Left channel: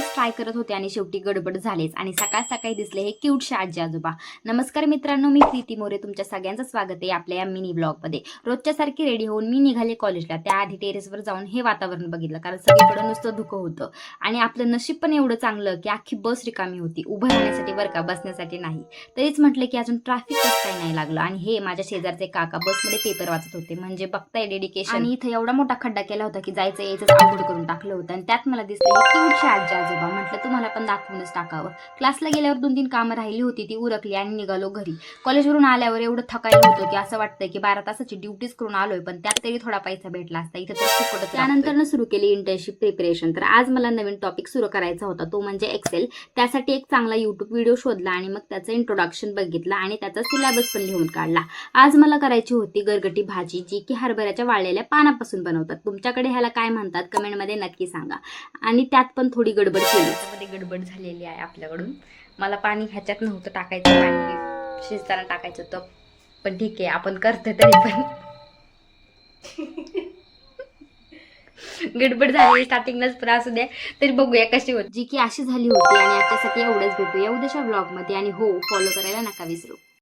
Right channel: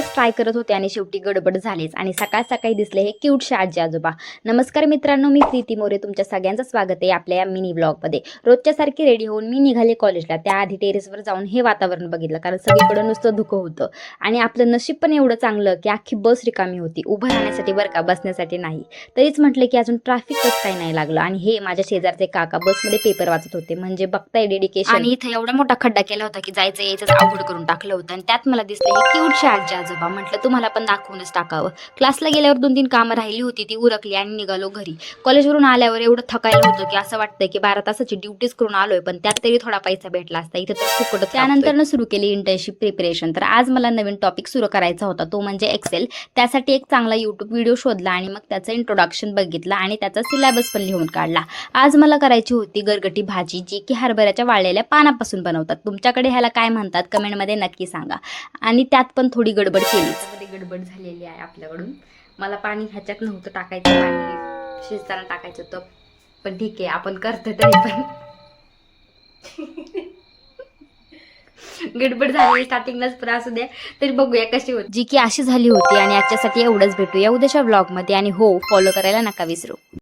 बरंच ट्राय करत होते आणि शेवटी गडबड झालीच आणि सकाळ सकाळी दिसले हे क्यूटशे आजी आजोबा. नमस्कार मित्रांनो, मी प्रीती मोरे. तुमच्या सगळ्यांचं स्वागत आहे आपल्या या मिनी ब्लॉगमध्ये. रोजच्या सारखी रेडी होऊन मी निघाले कॉलेजला. त्याआधी टेरेसवर जाऊन हे वातावरण बघितलं, कारण सगळीकडे नुसतं धुकं होतं आणि आपलं नशीब पण एवढं चांगलं की अख्खी बस रिकामी होती. उभं राहण्यासाठी बरं का, बसण्यासाठी नाही. तरीच म्हटलं की अजून ट्रॅफिक कसं काय नाही लागलं. आणि हे माझ्या शेजारचे काका बसमध्ये पेपर वाचत होते. म्हणजे बघताय डेडिकेशन. आणि इथे एवढा मोठा खड्डा केला होता की जायचं यायचं अवघड करून टाकलं होतं. आणि त्यात मला दिसलं हे क्यूटशे आजी आजोबा. म्हटलं तुम्हाला पण दाखवूनच टाकावं. क्लासला गेल्यावर 2-3 कामं राहिली होती, ती उरकली आणि निघालो घरी. कॉलेजवरून आल्यावर एवढं थकायला होतं की असं वाटतंय की 12 तासाची ड्युटीज करून आलोय, पण त्यात तरी थोडा पैसा भेटला असता. इथे तर फुकटच. त्यानंतर सुरू केली इंटर्नशिप प्रिपरेशन. तर आज मला नवीन टॉपिक सुरू करायचा होता, तो म्हणजे एक्सेल. त्यासाठी एक चांगला यूट्यूब व्हिडिओ शोधला आणि मग त्याचं इंट्रोडक्शन बघितलं आणि त्याचा सिलेबस पण लिहून काढला. आज मला करायची होती गरगटी भाजी, जी की हरभऱ्याच्या वाळलेल्या पानापासून बनवतात. तुमच्याकडे ह्याला काय म्हणतात कमेंटमध्ये नक्की सांगा. आणि त्यात पण थोडी गडबड केली. त्यामध्ये गडबड झालेली आहे आपल्याकडून. मला पाणी ह्याच्यात नव्हतं टाकायचं, पाणी शिजताना टाकायचं होतं, पण ठीक आहे आपण करतोय तरी पण. गडबड झाली स्टार्टिंगलाच, पण असू द्या. तरी बघूया कशी होती, जी की अशी झाली होती. आणि आजच्यासाठी एवढंच. भेटूया उद्याच्या व्लॉगमध्ये. आणि हो, फॉलो करायला नका विसरू.